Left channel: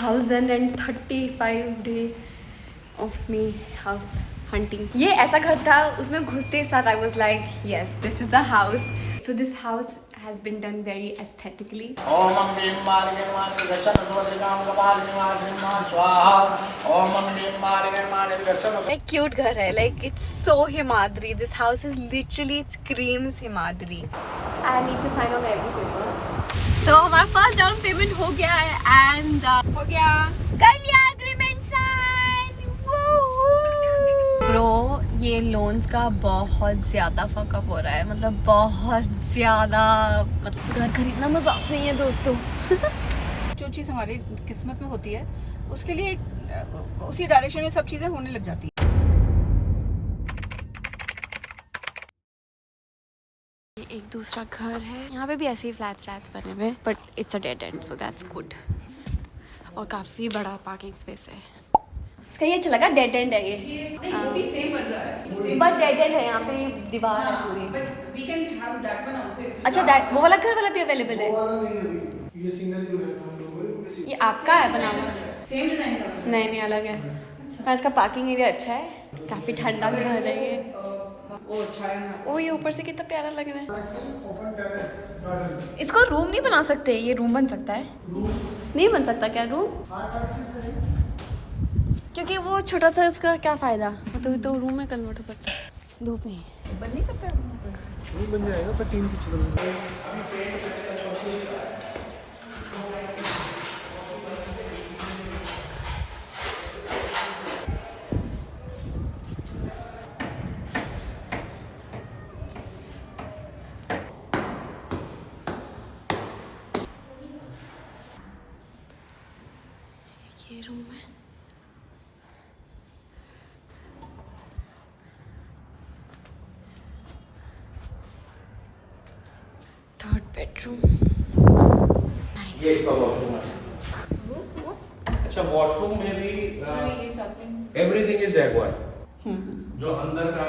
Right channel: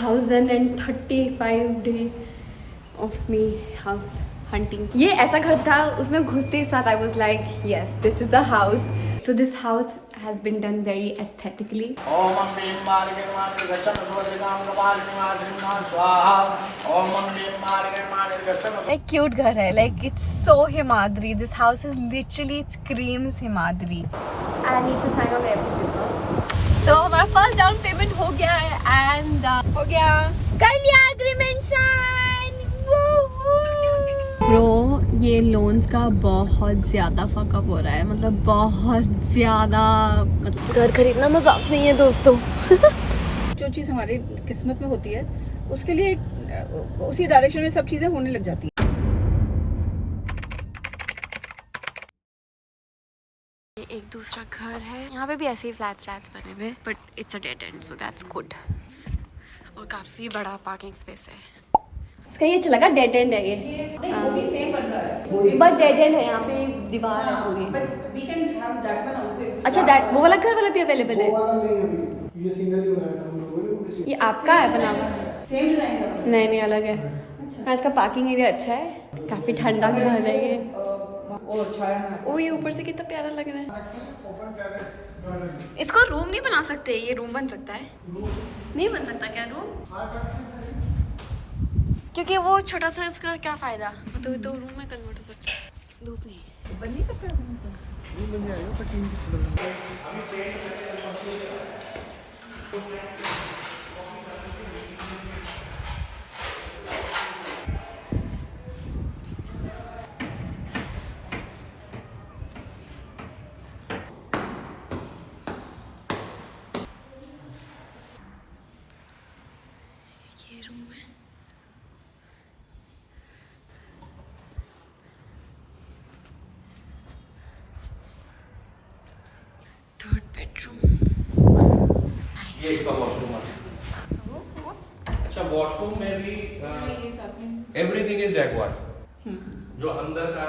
1035 day of me house hunting. ये ऐसा घर था, उसमें घुसते साथ I was like yes this is the house. So this house has been done very aesthetically. एक क्यूट घर है, like it's so Himadri. This house is literally it screams Himadri. I need to sign on every paper. So हमारा first down payment हो गया है and हो गया, कर लिया एग्रीमेंट साइन। ब्रो ये लोन्स का बहुत ज़्यादा फकअप हो रहा है, मतलब बहुत ज़्यादा। मतलब घर खरीदना मजाक नहीं है दोस्तों। जो चीज़ हमारी किस्मत में होती है उसके लिए उसी डायरेक्शन में सब चीज़ें होने लग जाती है। एक दूसरा घर है, यहाँ पे भी ऐसे ही फ्लैट्स बने हुए, but it's a dead and so that's good. और काफ़ी बड़ा पार्किंग स्पेस है। इसका ये अच्छा लगा, डेड एंड है ये, बट डेड एंड है, यहाँ पे दीवार है पूरी। अच्छा दैट वो वाला घर वाला भी अवेलेबल है? ये सिंगल ही बनाया था हम लोगों ने। ये आपका है बना हुआ? नहीं नहीं अलग है। हाँ इसका पार्किंग एरिया अच्छा है, काफ़ी ठंडा घर है ये। ओ ये ऊपर से कितना प्यारा लग रहा है। इसको रूम नहीं बना सकते? ये रूम बन सकता है? नहीं बन सकता क्या रूम? क्योंकि वो छोटा सा, उसका क्या फ़ायदा, तो रूम में कन्वर्ट हो सकता है। धूप नहीं बन नहीं सकता, बन जाएगा पर 3 की छोड़। ये रूम है। Third bedroom. ये इसका वॉशरूम है। अच्छा वॉशरूम में भी एवरीथिंग इज जैगवार। जो अंदर का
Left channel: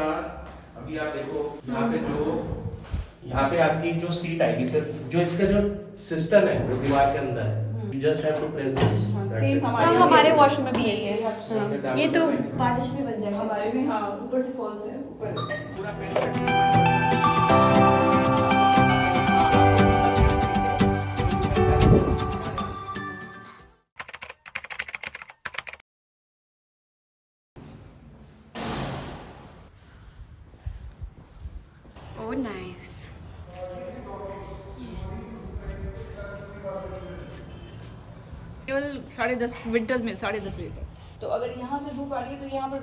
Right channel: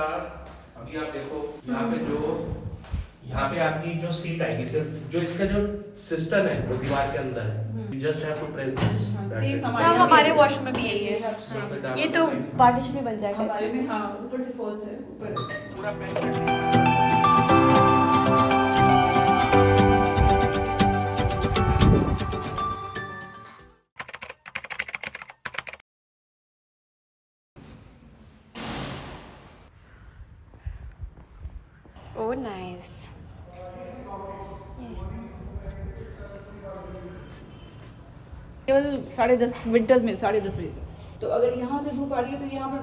अभी आप देखो यहाँ पे यहाँ पे आपकी जो सीट आएगी, सिर्फ जो इसका जो सिस्टम है वो दीवार के अंदर, you just have to press this. हाँ हमारे वॉशरूम में भी यही है। हाँ। ये तो बारिश भी बन जाएगा। हमारे भी हाँ ऊपर से फॉल्स है ऊपर। Oh nice. केवल 10:30 विंटर्स में 10:30 बजे तक। तो अगर यहाँ से धूप आ रही है तो यहाँ पर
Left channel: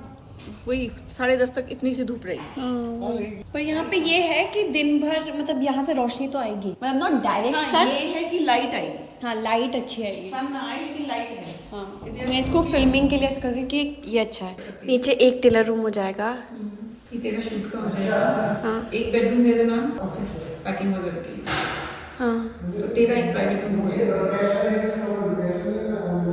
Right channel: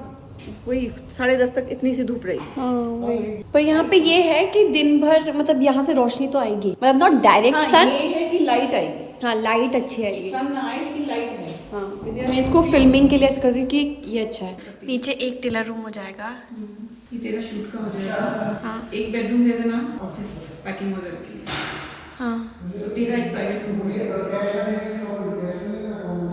वही 10:30 तक इतनी सी धूप रहेगी। हाँ, पर यहाँ पे ये है कि दिन भर मतलब यहाँ से रोशनी तो आएगी, मतलब नॉट डायरेक्ट सन। ये है कि लाइट आएगी। हाँ लाइट अच्छी आएगी। सन ना आए लेकिन लाइट है। हाँ मैं इसको फिल्मिंग के लिए ऐसा करती हूँ कि ये अच्छा है। नीचे एक टेलर रूम हो जाएगा। ये तेरा शूट का हो जाएगा। हाँ एक बेडरूम दे देना ऑफिस पैकिंग वगैरह के लिए। हाँ तो तेरा एक प्राइवेट रूम हो जाएगा।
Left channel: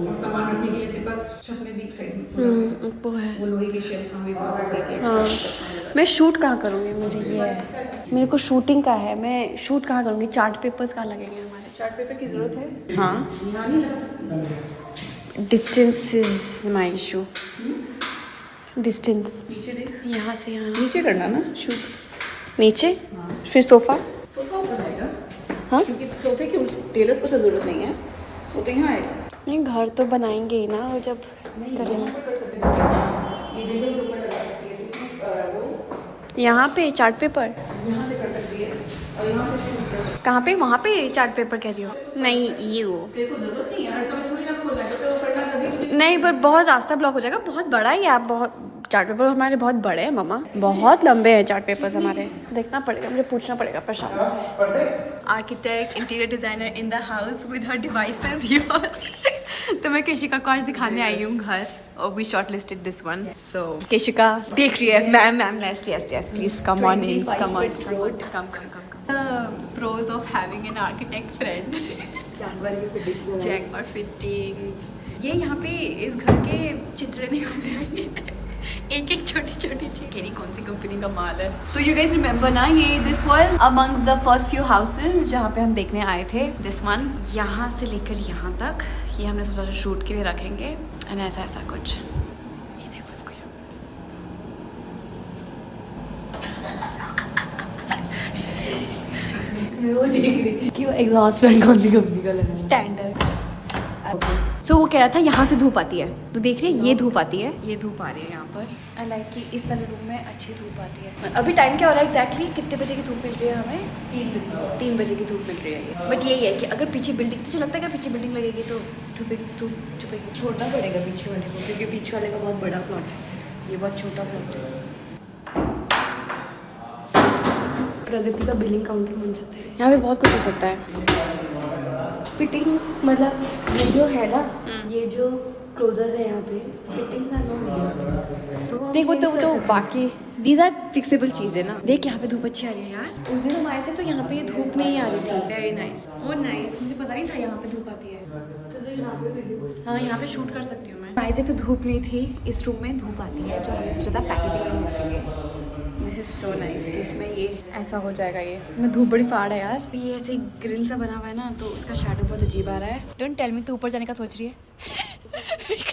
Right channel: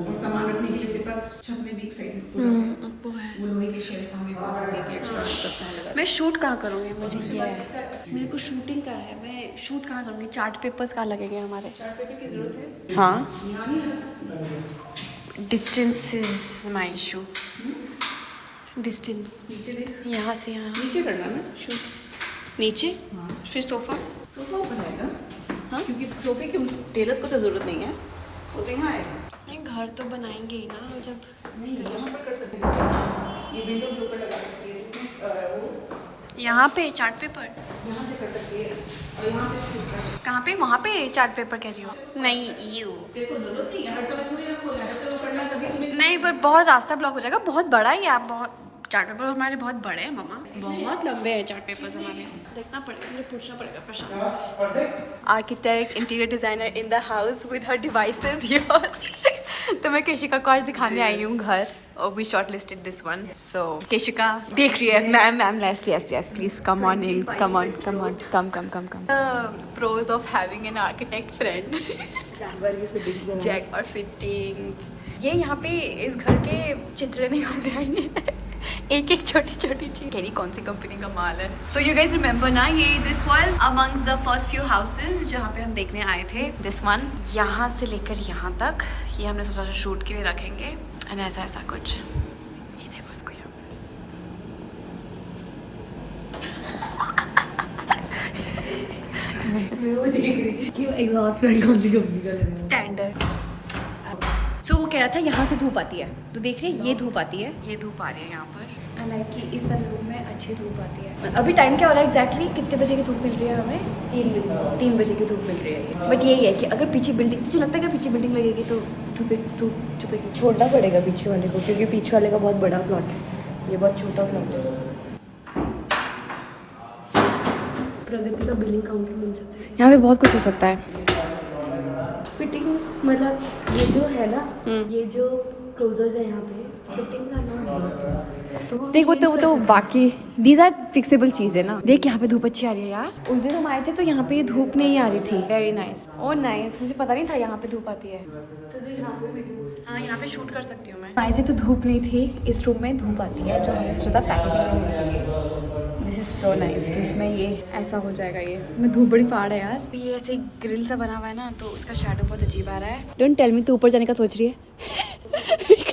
और सामान रखने के लिए तेरे पास छत में भी एक साइड में वो है। वो लोहे के शेल्फ हम भी पा सकते हैं कि एक्स्ट्रा। मैं शूट कहाँ करूँगी, मुझे ये है, मेरे को शूटिंग का है, मैं शूट कहाँ करूँगी? चार्ट पेपर्स कहाँ लगेंगे हमारे? चार्ट पेपर की जरूरत है। हाँ यहाँ नहीं लगा सकती। Distance is my issue. Distance नीचे देख, यहाँ से यहाँ नीचे करना ना शूट। नीचे फिर सोफ़ा। सोफा ऊपर आएगा। हाँ क्योंकि सोफे की टेलर्स को तो जरूरत नहीं है, वो तो यहाँ आएगा। नहीं घर तो बनाएंगे ही ना वो जब करेंगे। कर सकते हैं। ये विंडो के ऊपर लगा सकती है वो यहाँ पे चार्ट पेपर यहाँ से कर सकती है और यहाँ से शूट कर सकती है। कहाँ पे? वहाँ पे चार्ट पेपर कह रही हो? नहीं यू तेरे को जरूरत नहीं है, हर समय थोड़ी ना खोलना है, जब तक वो करना है तभी तूने। नहीं पर बहुत रास्ता ब्लॉक हो जाएगा। बहुत बड़ा ही है आप, बहुत चार्ट पेपर हमारे बहुत बड़े हैं मम्मा, बहुत लंबे हैं चार्ट पेपर्स हमारे। देखना पड़ेगा, मुझे पूछना पड़ेगा प्रशांत से। Architect interior designer in the house with her devices. तो मैं केशिका को आज दिखाने आई हूँ घर, और we short listed this one. So Keshika देख रही है। Ma'am yes yes yes please come on in, come on come on come come come come. Pros of having an architect friend. Jack और फिटिंग। ये यहाँ पे इस घर के चित्र नहीं होते हैं। एक एक छोटी छोटी चीज कह रही कौन सी कंपनी का माल है। सो यू गाइस रिमेंबर ना, ये this was amongst the first few houses जहाँ पे हम देखने आए थे। दिस वन यहाँ से लेकर यहाँ तक ये हमने सोचा था शूट के लिए रखेंगे एंड ऐसा ऐसा कुछ। ये देखो इसको यहाँ वो देख रही कि वो एग्जॉस्ट फैन कौन सी कंपनी का लगा स्टैंडर्ड। सो वो कह रहा था यहाँ से धूप आती है, तो देख रही है ये धूप आती है, ये धूप आ रही है यहाँ पर। आई लाइक कि इस वाले रूम में अच्छी धूप आती है। अभी टाइम क्या हो रहा है एग्जैक्टली कितने बजे की धूप मिल रही है हमें? 3 बजे की धूप मिल रही है ये। बट यही है कि अगर पीछे बिल्डिंग, तुझे लगता है अगर पीछे बिल्डिंग लगेगी तो धूप छुपेगी? छोड़ना पड़ेगा पीछे वाले को, क्योंकि पीछे वाले का बहुत बड़ा प्लॉट है, ये बहुत छोटा प्लॉट है। प्रगति का बिलिंग काउंटर बन जाता है। यहाँ पे बहुत कुछ हो सकता है। फिटिंग्स मतलब ये जो है ना, ये जो क्लोजर्स है यहाँ पे, फिटिंग्स आर नॉट गुड, तो देखो तो बाकी दीज आर फिक्सेबल चीज़ें ना। देख यहाँ पे धूप अच्छी आ गई यार। उस दिन हम आए थे तो यहाँ पे धूप नहीं आ रही थी। वेरी नाइस, ओह नाइस, मुझे पता नहीं था यहाँ पे धूप आती है। तो यहाँ पे वीडियो, हाँ यहाँ पे शूट कर सकती हूँ मैं। आए थे तो धूप नहीं थी, इस रूम में धूप आती है जो हमने सोचा था पैकेजिंग रूम रखेंगे। दिस इज सो नाइस कि इसमें ये ऐसा हो जाएगा। ये मैं धूप बड़ी फाड़ है यार। ये ऐसे ग्रिल सा बना हुआ है ना, तो उसका शैडो बहुत अजीब आ रहा है। डोंट टेल मी तू ऊपर जाने का सोच रही है।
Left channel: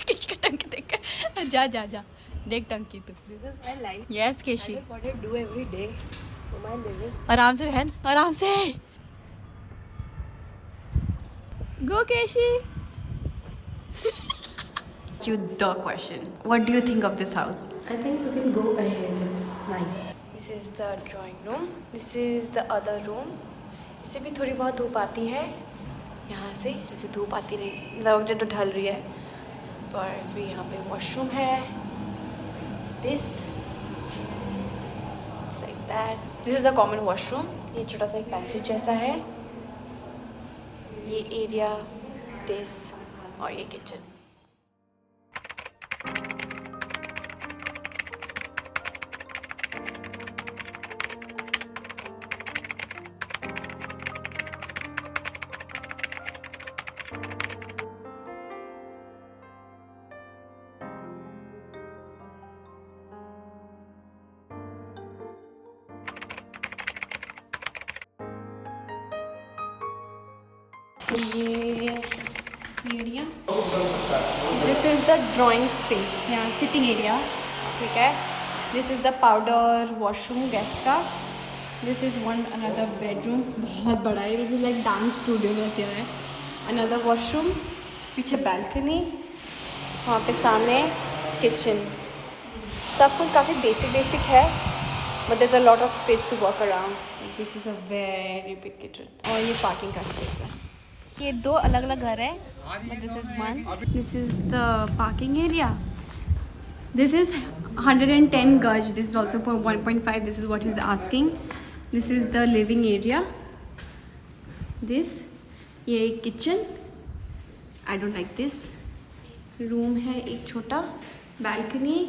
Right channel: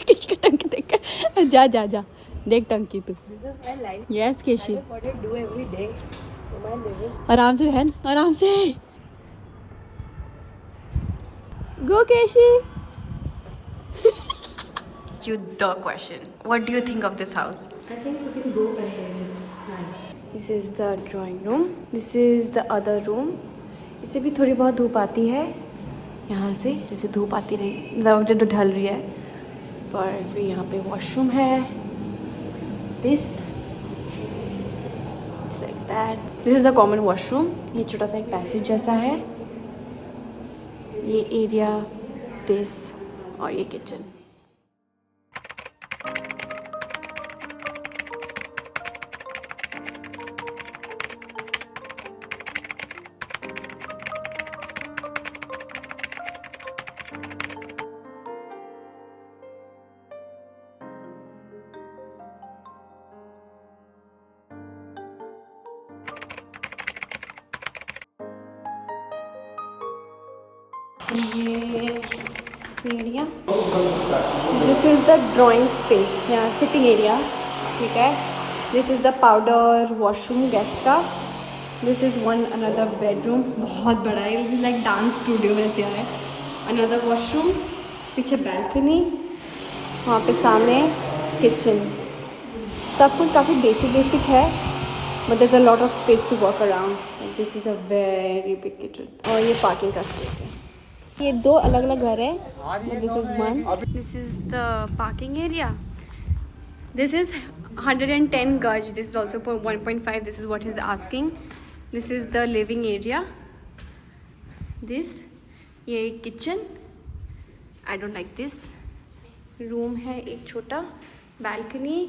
किसका टंकी देख कर जा जा जा, देख टंकी तू। This is my life, yes Keshi, that's what I do every day for my living. आराम से बहन, आराम से। गो केशी। You the question. What do you think of this house? I think you can go ahead, it's nice. This is the drawing room. This is the other room. इससे भी थोड़ी बहुत धूप आती है यहाँ से, जैसे धूप आती नहीं, ज़्यादा तो ढल रही है। पर फिर यहाँ पे वॉशरूम है। This like that. This is the common washroom. ये छोटा सा एक पैसेज जैसा है। ये एरिया, this और ये किचन। ये सीढ़ियाँ, this is the drawing space, sitting area, ठीक है। This is the powder washroom guest का। This is one another bedroom, बहुत बड़ा है, this is like dance studio में ऐसे है। अनदर वॉशरूम, पीछे बैल्कनी, वहाँ पे सामने किचन। सब कुछ काफ़ी बेसिक है, but there is a lot of space to walk around. This is a very big kitchen और ये पार्किंग का स्पेस है। ये 2 अलग अलग घर है। This is one, this is the parking area. This is 110 गज, this is also for 1.5, this is what is asking. This is the living area. This ये kitchen, I don't like this. Room है एक छोटा, balcony.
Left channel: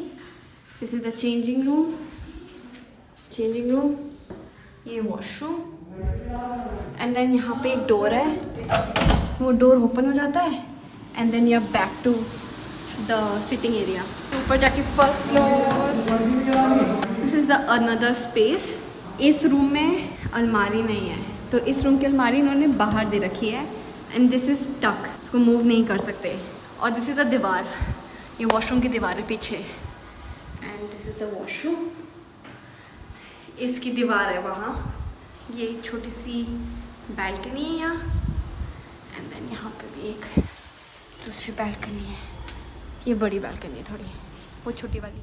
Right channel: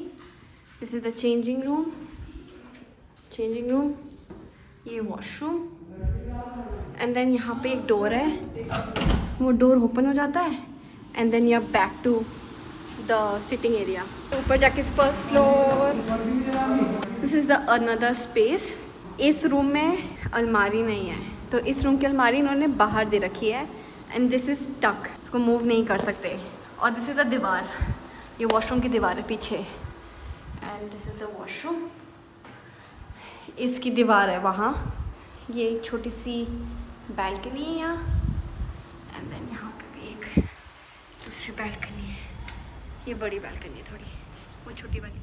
This is the changing room, ये washroom. And then यहाँ पे एक door है, वो डोर ओपन हो जाता है and then you are back to the sitting area. ऊपर जाके first floor. This is the another space. इस रूम में अलमारी नहीं है, तो इस रूम की अलमारी इन्होंने बाहर दे रखी है एंड दिस इज़ टक, इसको मूव नहीं कर सकते। और दिस इज़ द दीवार, ये वॉशरूम की दीवार है पीछे। And this is the washroom, इसकी दीवार है वहाँ। ये एक छोटी सी बैल्कनी है यहाँ, एंड देन यहाँ पे भी एक दूसरी बैल्कनी है। ये बड़ी बैल्कनी है थोड़ी, वो छोटी वाली।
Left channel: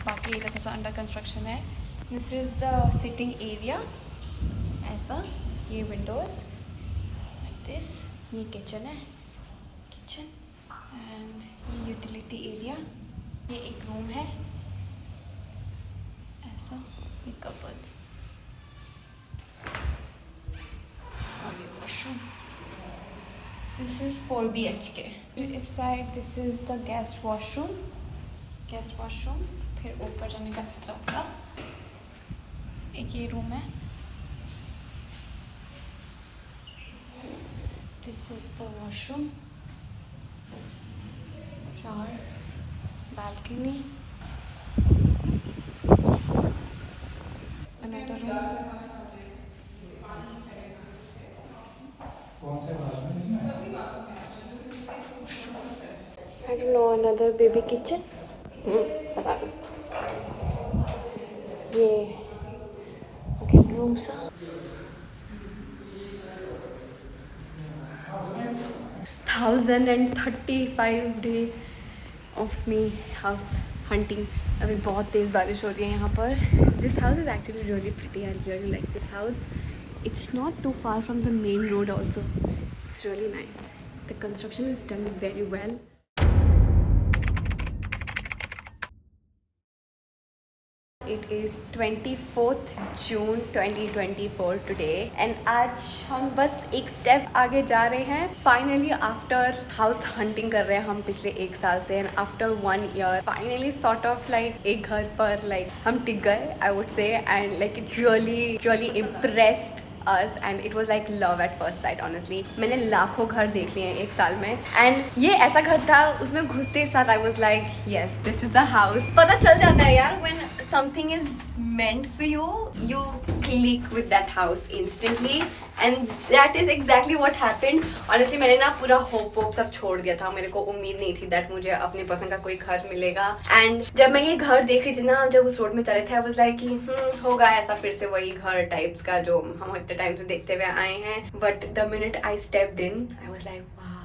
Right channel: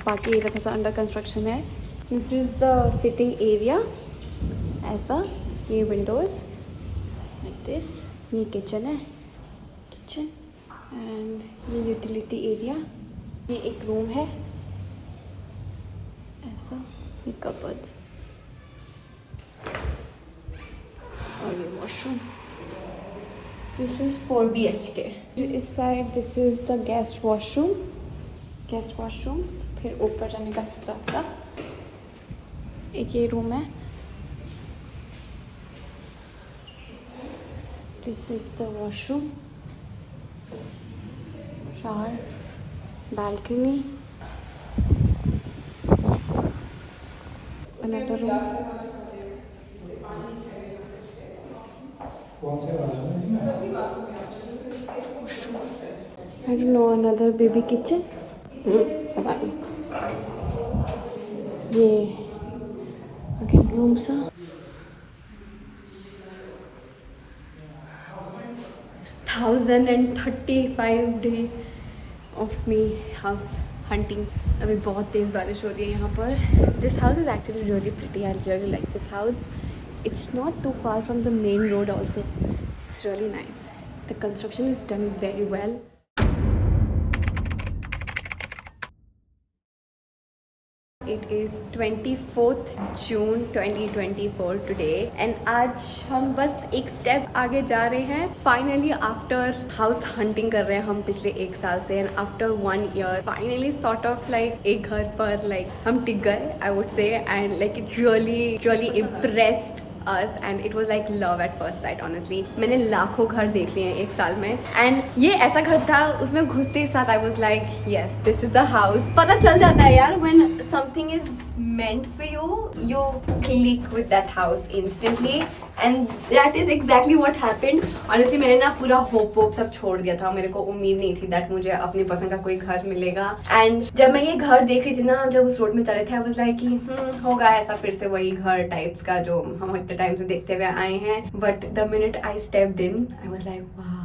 बाकी ये थोड़ा सा अंडर कंस्ट्रक्शन है। This is the sitting area, ऐसा, ये विंडोज़ लाइक दिस। ये किचन है, एंड ये यूटिलिटी एरिया। ये एक रूम है ऐसा, ये cupboards. Washroom. This is 4 BHK. इस side this is the guest washroom. फिर ऊपर जाने का रास्ता. एक ये रूम है. This is the washroom. Shower, balcony. Another room. कौन से बाजू में इसमें? And now another baby kitchen. ये रूम सा. 1035 day of me house hunting. अभी बहुत तेज़ बारिश हो रही है यहाँ पर. This house is actually really pretty. I really like this house. It's not too far from the main road also. It's really nice. The construction is done very well. It is 24th June 2024 today and आज हम बस एक step आगे जा रहे हैं. Finally after house hunting कर रहे हैं हम पिछले 1 साल से and after 1 year finally sort of like एक घर पर लाइक हम टिक गए आई वुड से. And like it really impressed us and it was like love at first sight honestly. मैंने लाखों घर देख लिए हैं 1 साल में and ये ऐसा घर था. उसमें घुसते ही साथ I was like yes this is the house. पता चल जाता है यार when something is meant for you you click with that house instantly and that is exactly what happened. Honestly मैंने ना पूरा होप सब छोड़ दिया था. मेरे को उम्मीद नहीं थी that मुझे अपनी पसंद का कोई घर मिलेगा and जब मैं ये घर देख रही थी ना जब उस रोड में चल रहे थे I was like कि होगा ऐसा फिर से वही घर टाइप्स का जो हम इतने टाइम से देखते हुए आए हैं. But the minute I stepped in I was like wow.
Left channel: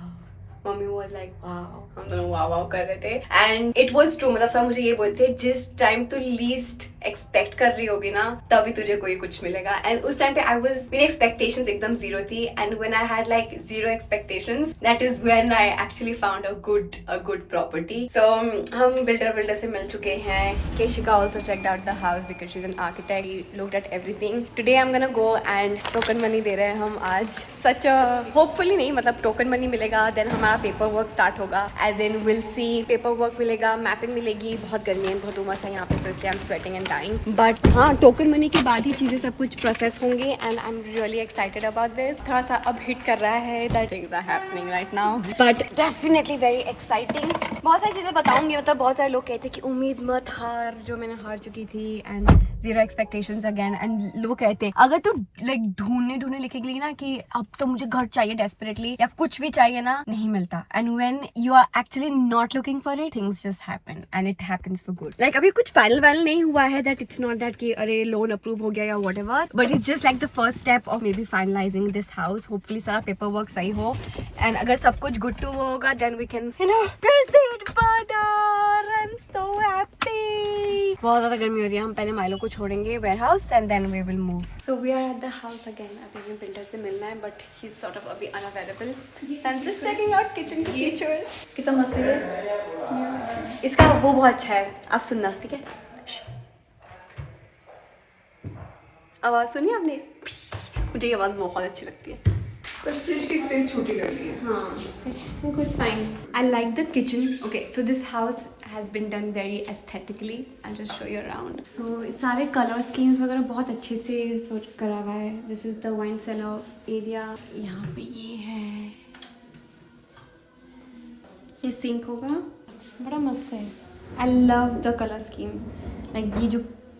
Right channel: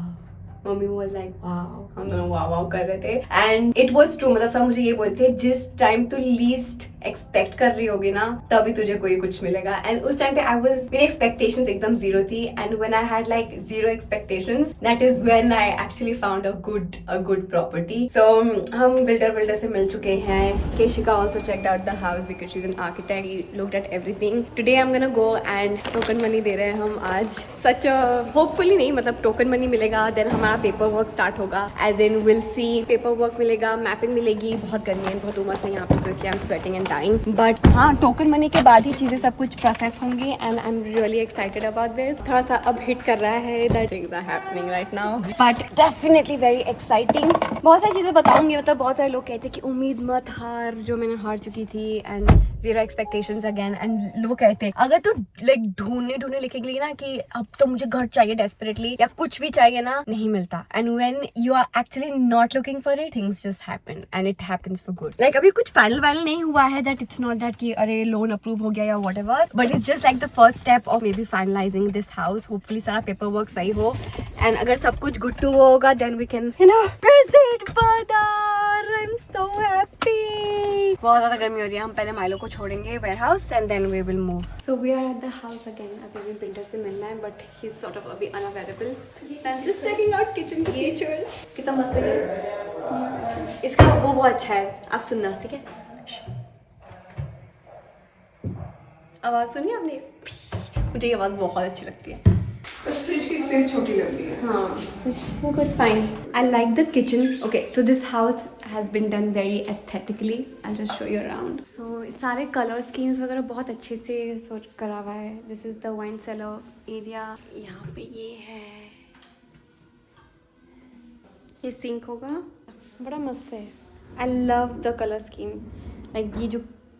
Mummy was like wow. हम दोनों वाओ कर रहे थे एंड इट वाज ट्रू. मतलब सब मुझे ये बोलते थे जिस टाइम तू लीस्ट एक्सपेक्ट कर रही होगी ना तभी तुझे कोई कुछ मिलेगा. एंड उस टाइम पे आई वाज मेरी एक्सपेक्टेशंस एकदम जीरो थी and when I had like zero expectations that is when I actually found a good property. So हम बिल्डर से मिल चुके हैं. Keshika also checked out the house because she is an architect. He looked at everything. Today I am gonna go and token money दे रहे हैं हम आज. सच होपफुली नहीं मतलब टोकन मनी मिलेगा देन हमारा पेपर वर्क स्टार्ट होगा. As in will see paper work मिलेगा, मैपिंग मिलेगी. बहुत गर्मी है, बहुत उमस है यहाँ पे, so इसलिए I am sweating and dying. But हाँ टोकन मनी के बाद ही चीज़ें सब कुछ प्रोसेस होंगी and I am really excited about this. थोड़ा सा अब हिट कर रहा है that things are happening right now but definitely very exciting. बहुत सारी चीज़ें बताऊंगी. मतलब बहुत सारे लोग कहते हैं कि उम्मीद मत हार जो मैंने हार चुकी थी and zero expectations again. And लोग कहते हैं अगर तू लाइक ढूंढने लिखेगी ना कि अब तो मुझे घर चाहिए डेस्परेटली या कुछ भी चाहिए ना नहीं मिलता. And when you are actually not looking for it things just happen and it happens for good. Like अभी कुछ फाइनल नहीं हुआ है दैट इट्स नॉट दैट कि अरे लोन अप्रूव हो गया या whatever but it's just like the first step of maybe finalising this house. Hopefully सारा पेपर वर्क सही हो एंड अगर सब कुछ गुड टू होगा then we can you know proceed further. I am so happy. बहुत ज़्यादा गर्मी हो रही है. हम पहले माइलो को छोड़ेंगे warehouse and then we will move. So we are at the house again. अभी भी बिल्डर से मिलना है but he is sort of अभी unavailable. I am just checking out kitchen के फीचर्स. कितना मस्त है. इसका वो बहुत अच्छा है. आप सुनना ठीक है. आवाज़ सुनी आपने. मुझे ये आवाज़ बहुत अच्छी लगती है. फ्रिज की स्पेस छोटी लगी है. हाँ वो कुछ fine. I like the kitchen. Okay so this house has been done very aesthetically. I just show you around. So सारे कलर स्कीम्स वगैरह बहुत अच्छे से सूट करा हुआ है. This is the wine cellar area. यहाँ पे ये है. ये सिंक होगा. बड़ा मस्त है. I love the colour scheme. Like ये जो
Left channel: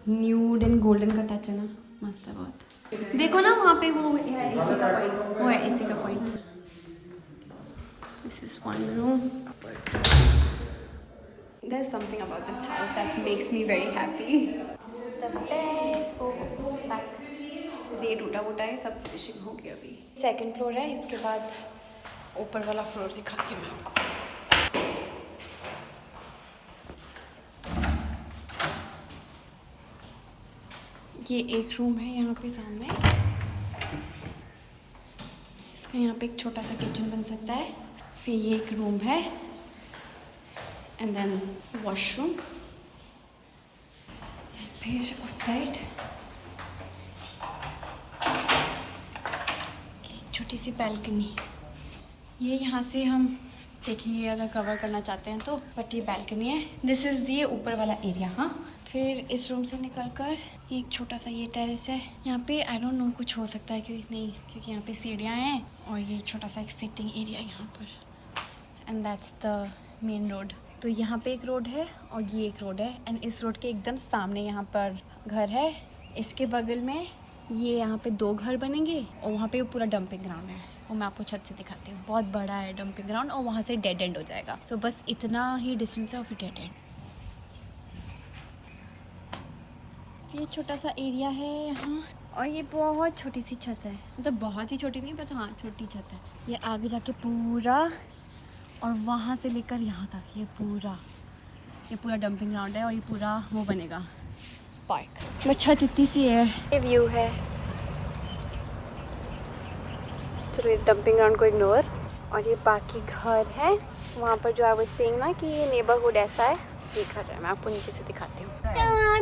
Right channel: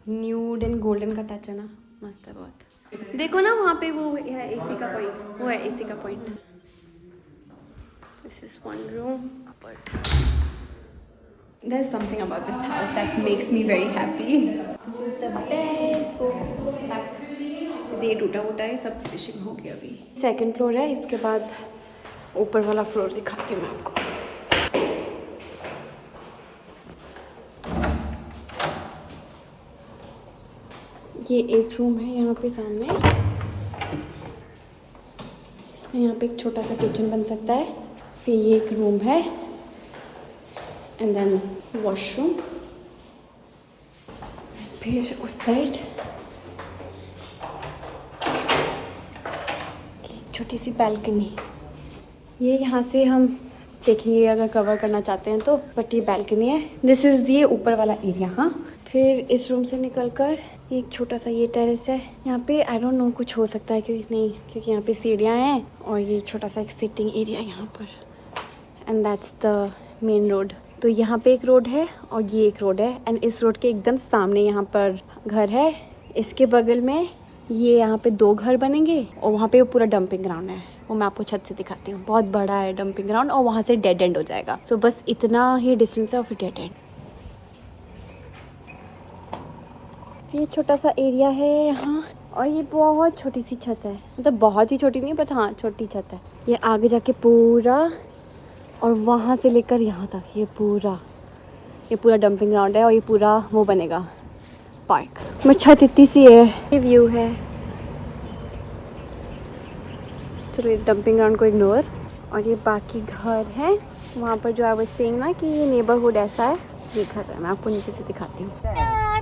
न्यूड एंड गोल्डन का टच है ना मस्त है बहुत. देखो ना वहाँ पे वो है एसी का पॉइंट. वो है एसी का point. This is one room. There's something about this house that makes me very happy. This is the bed. ये टूटा फूटा है सब. फिनिशिंग हो गया अभी. सेकंड फ्लोर है. इसके बाद ऊपर वाला फ्लोर दिखाती हूँ मैं आपको. ये एक रूम है यहाँ पे सामने. इसका यहाँ पे एक छोटा सा किचन बन सकता है. फिर ये एक रूम है एंड देन वॉशरूम. फिर उस साइड छोटी सी बैल्कनी, ये यहाँ से हम देखेंगे अगर कवर करना चाहते हैं तो, बट ये बैल्कनी है। दिस इज़ ये ऊपर वाला एरिया। हाँ, फिर इस रूम से निकलकर एक छोटा सा ये टेरेस है। यहाँ पे आई डोंट नो कुछ हो सकता है कि नहीं, क्योंकि यहाँ पे सीढ़ियाँ हैं और ये छोटा सा एक सिटिंग एरिया है यहाँ पर, and that's the main road. तो यहाँ पे एक रोड है और ये एक रोड है, एंड इस रोड के एकदम सामने यहाँ पर घर है। इसके बगल में ये यहाँ पे 2 घर बनेंगे और वहाँ पे पूरा डंपिंग ग्राउंड है, वो मैं आपको छत से दिखाती हूँ। बहुत बड़ा है डंपिंग ग्राउंड और वहाँ से डेड एंड हो जाएगा। सो बस इतना ही डिस्टेंस है और फिर डेड एंड। ये छोटा सा एरिया है यहाँ, और ये बहुत छोटी सी छत है, मतलब बहुत ही छोटी नहीं, बट हाँ छोटी छत है। ये आगे जाके पूरा, और वहाँ से लेकर यहाँ तक ये पूरा डंपिंग ग्राउंड है, और ये पूरा वो बनेगा पार्क। मैं छत इतनी सी है, ये व्यू है। चलो ये डंपिंग ग्राउंड को इग्नोर, और ये बाकी घर है वहाँ पर जो आई वाज सेइंग ना कि ये नेबरहुड ऐसा है। ये घर है, मैं आपको नीचे से दिखाती हूँ।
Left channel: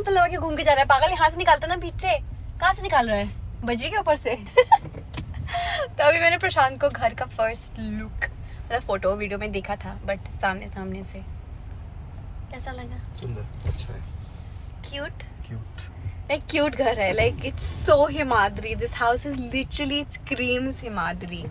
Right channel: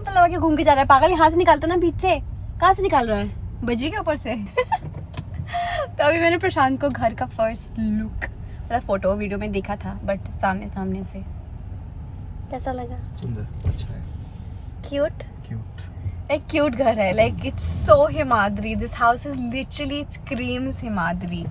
तो लगा के घूम के जा रहा है पागल, यहाँ से निकालता ना बीच से, कहाँ से निकाल रहा है, बजी के ऊपर से। तो अभी मैंने प्रशांत को घर का फर्स्ट लुक, मतलब फोटो वीडियो में देखा था, बट सामने से कैसा लगा? सुंदर, अच्छा है, क्यूट, क्यूट, क्यूट घर है। Like it's so Himadri, this house is literally it screams Himadri.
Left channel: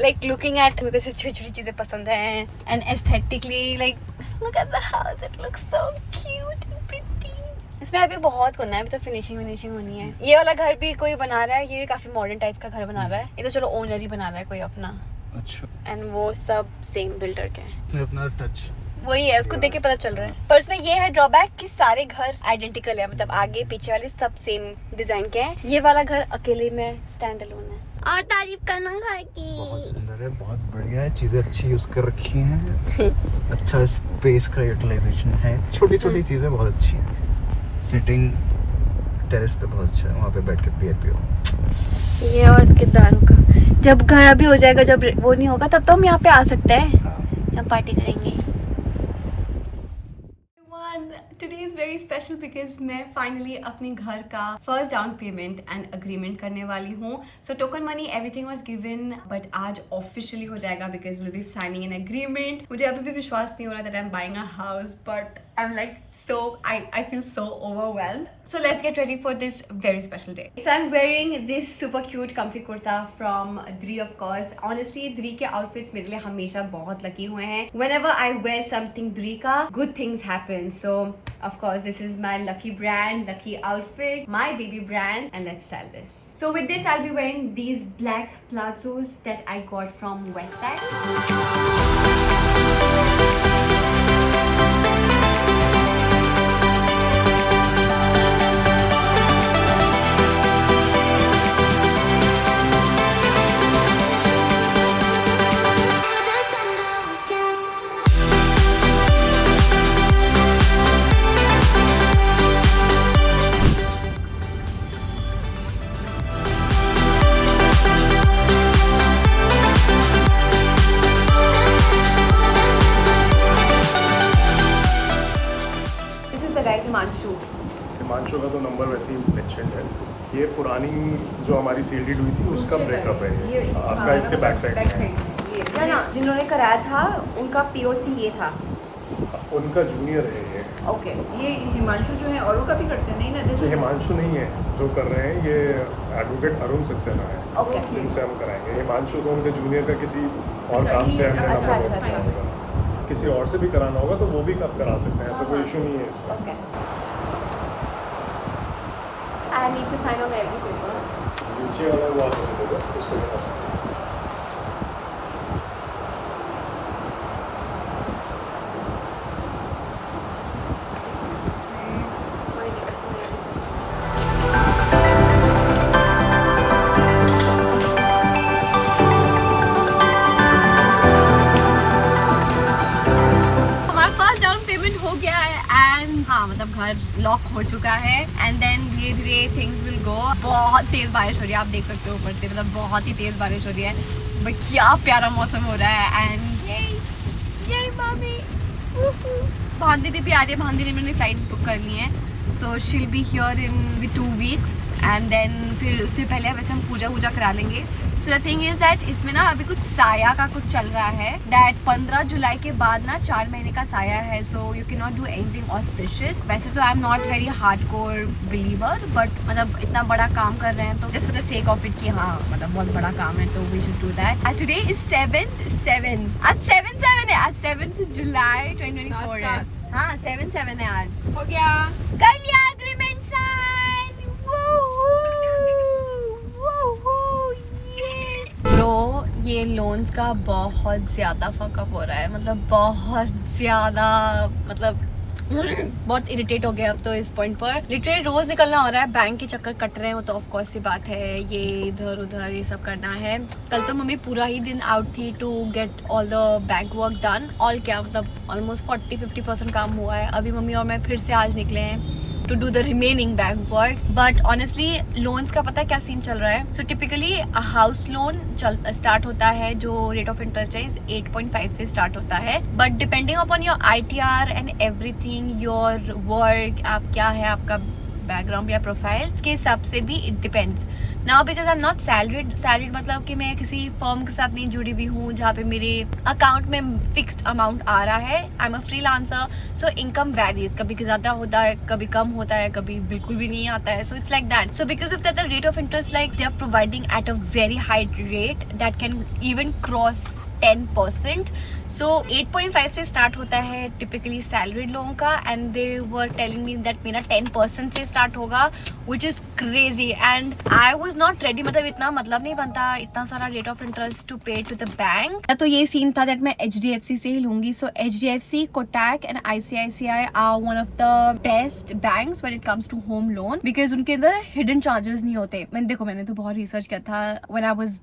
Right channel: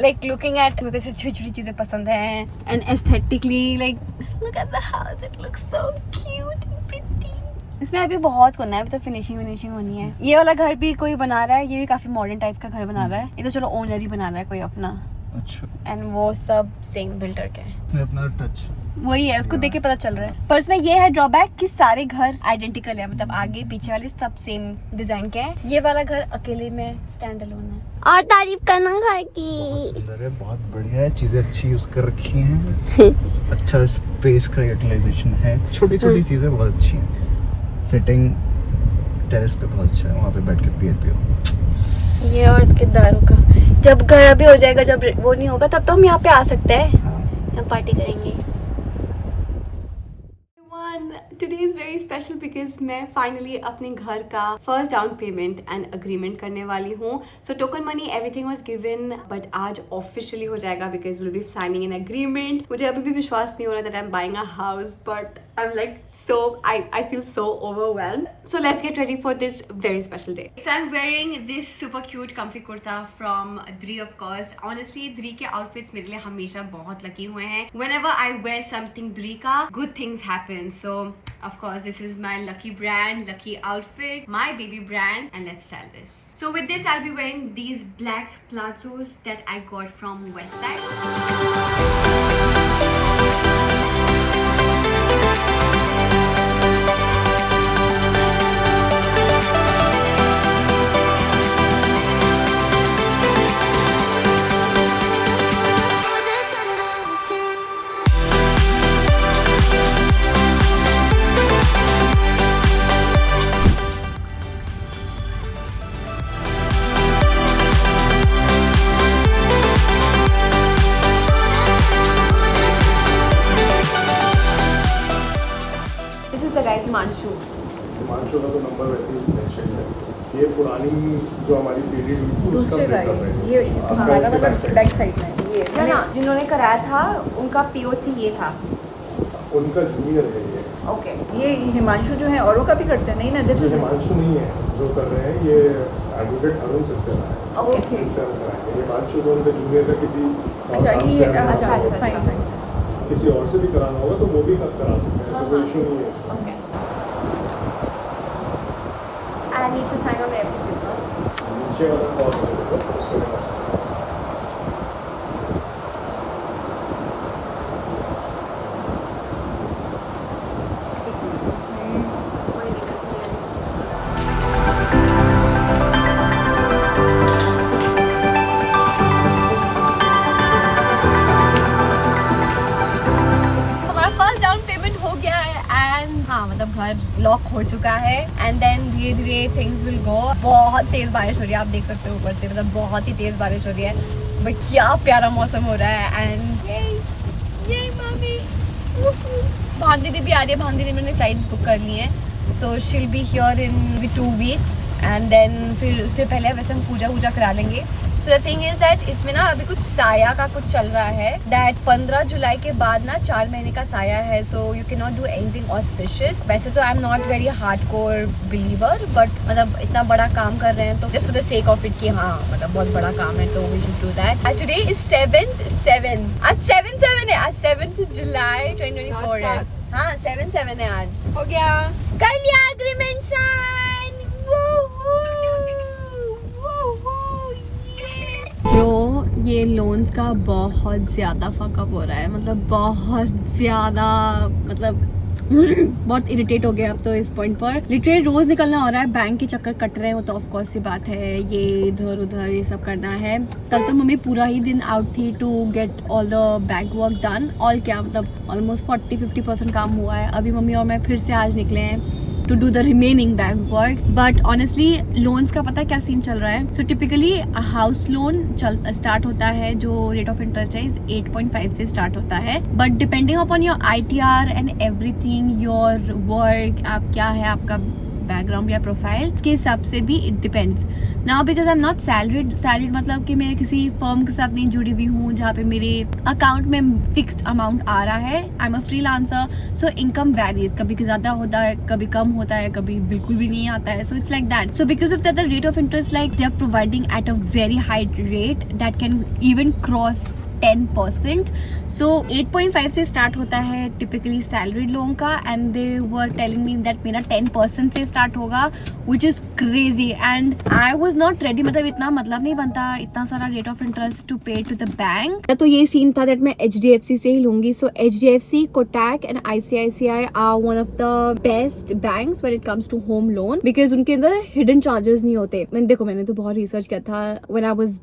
Like looking at, मेरे को ऐसी छोटी छोटी चीजें पसंद है, and aesthetically like look at the house, it looks so cute and pretty. इसमें अभी बहुत करना है, अभी तो फिनिशिंग होनी है। ये वाला घर भी कोई बना रहा है, ये भी काफी मॉडर्न टाइप्स का घर बना रहा है। ये तो चलो ओनर ही बना रहा है कोई अपना, अच्छा, एंड वो सब सेम बिल्डर के हैं। अपना टच वही है, उसको देख के पता चल रहा है। पर इसमें ये है ड्रॉबैक कि सारे घर आइडेंटिकल है, मतलब आगे पीछे वाले सब सेम डिजाइन के हैं। ये वाला घर अकेले में स्टैंड अलोन है। और तारीफ करना घर की, बहुत सुंदर है, बहुत बढ़िया है, चीजें अच्छी यूज कर रखी हैं। अच्छा स्पेस का यूटिलाइजेशन है, छोटी छोटी चीजें बहुत अच्छी हैं। सिटिंग टेरेस पे बहुत अच्छा है, वहाँ पे बैठ के बियर पियो। ये और इसके दारू का, जब घर अभी हो जाएगा, जब वो नहीं होगा तब तो हम यहाँ पे आ सकते हैं, यहाँ पार्टी करेंगे। Today is very special because मैं finally अपने घर का first down payment and agreement करने वाली हूँ। So token money everything was given, but आज officially हो जाएगा because we'll be signing an agreement. मुझे अभी भी विश्वास नहीं हो रहा that I'm buying a house, but I'm like I feel so overwhelmed. So let's get ready for this very special day. So I'm wearing this super cute comfy kurta from Dri, of course. Honestly, Dri के outfits मेरे लिए हमेशा बहुत lucky हुए हैं. Whenever I wear something Dri का, good things happen. So of course, this is my lucky brand, lucky outfit, my baby brand, and let's style this. So with this, I'll be wearing these black plazos that I got from Westside. Himanshu Himanshu का तो number वैसे ही mention है। ये पुरानी जो हमारी CD थी उसका ब्रेकअप है। ये आपका इसके बैक साइड में है ना, जिन्होंने कराया था उनका पीओसी ये था। उनका जूनियर है ये। ओके, ये हिमांशु जो है औरों का भी करते हैं, नहीं ना? दिस ये इज हिमांशु नहीं है जो कर रहे हैं, ये एडवोकेट अरुण सक्सेना है। ओके, जिनसे हम कराएंगे। हिमांशु को उनके जूनियर का किसी और अच्छा काम ये से हमें अच्छा। किसी और से भी कराना होगा तो वो भी आप करा सकते हैं, ऐसा कोई इशू नहीं है इसमें। Okay. I need to sign on every paper. नीचे वाला वो आता है देखो, उसको भी बस। कोई दिक्कत नहीं है। हमारा फर्स्ट डाउन पेमेंट हो गया है, एंड हाँ मतलब घर लॉक हो चुका है, एंड देन धीरे धीरे थिंग्स विल गो। बहुत तेज बारिश हो रही है, आप देख सकते हो ऊपर से, मतलब बहुत ही तेज बारिश हो रही है, बट क्या प्यारा मौसम हो रहा है। एंड ये भाभी भान दीदी भी आ रही है, भान दीदी मैंने फ्लाइट्स बुक कर ली हैं, so she'll be here in 2 weeks and then फिर उससे पहले वैसे हम पूजा वूजा करा लेंगे. So the thing is that इसमें ना अभी कुछ साया का कुछ चल रहा है दैट 15 जुलाई के बाद ना 4 महीने का साया है. So you can not do anything auspicious. वैसे तो I am not very hardcore believer but मतलब इतना बड़ा काम कर रहे हैं तो just for the sake of it कि हाँ मतलब बहुत बड़ा काम है तो we should do that. And today is 7/7. आज 7/7 है. आज 7th जुलाई 2024 है. हाँ 7/7 है आज. हो गया. कर लिया एग्रीमेंट साइन. ब्रो ये लोन्स का बहुत ज़्यादा फकअप हो रहा है. मतलब बहुत ज़्यादा मतलब बहुत इरिटेट हो गया अब तो इस पॉइंट पर. लिटरली रोज निकलना हो रहा है. बैंक के चक्कर कट रहे हैं वो तो ऑफ कोर्स सी बात है. ये इधर उधर ये सब करना है. कल तो मम्मी पूरा ही दिन out the to get all the bank work done. All क्या मतलब ऑलमोस्ट 40-50% काम हुआ है. अभी मम्मी और मैं फिर से आज निकले हैं to do the remaining bank work. But honestly loans का पता है क्या सीन चल रहा है. So typically house loan start होता है जो rate of interest है is 8.5 से start होता है. But depending upon your ITR and everything, your work, आप क्या है आपका बैकग्राउंड या प्रोफाइल के हिसाब से भी it depends. Now because I am not salaried मतलब कि मैं किसी फर्म के साथ नहीं जुड़ी हुई हूँ जहाँ पे मेरे अकाउंट में फिक्स्ड अमाउंट आ रहा है. I am a freelancer so income varies. कभी ज़्यादा होता है कभी कम होता है कभी बिल्कुल भी नहीं आता है. So it's like that. So because of that the rate of interest like they are providing at a very high rate that can even cross 10%. So 8.5 से स्टार्ट होता है टिपिकली सैलरीड लोगों का and they were telling me that मेरा 10% से start होगा which is crazy and I was not ready. मतलब इतना मतलब नहीं बनता इतना सारा रेट ऑफ इंटरेस्ट टू पे टू द बैंक. तो ये सीन था दैट मैं HDFC से ही लूंगी. So HDFC, Kotak and ICICI are one of the best banks when it comes to home loan because उनके अंदर हिडन चार्जेस नहीं होते. मैंने तो बहुत रिसर्च किया था when I was